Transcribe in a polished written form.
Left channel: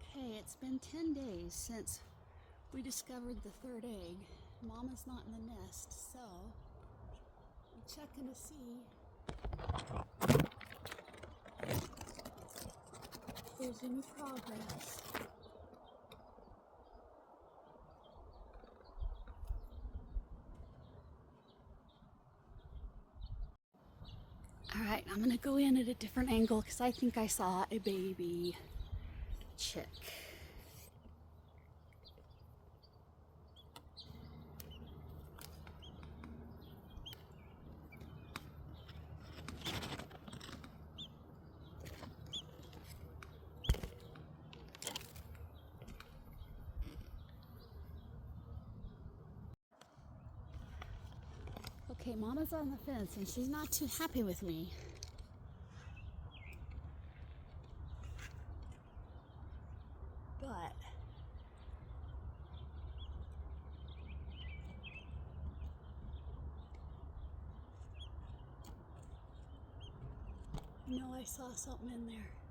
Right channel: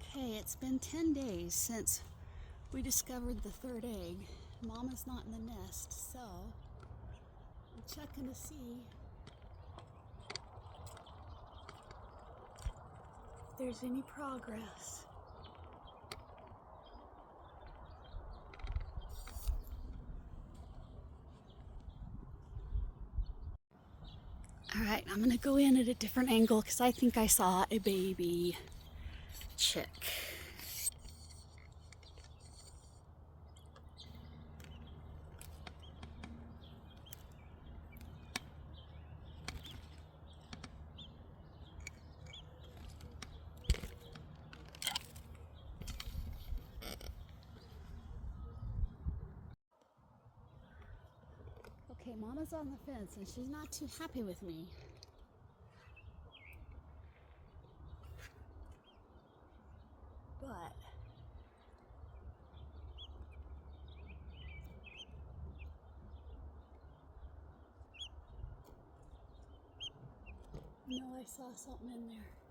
Okay, it's been 10 days since we discovered the third egg. Mama's not in the nest, so I'm checking to see if there's any progress. Alright, I'm gonna go in at a different angle because I think I saw a baby chick. Okay, Mama's on the fence and she's not too happy with me. But I know I saw something in there.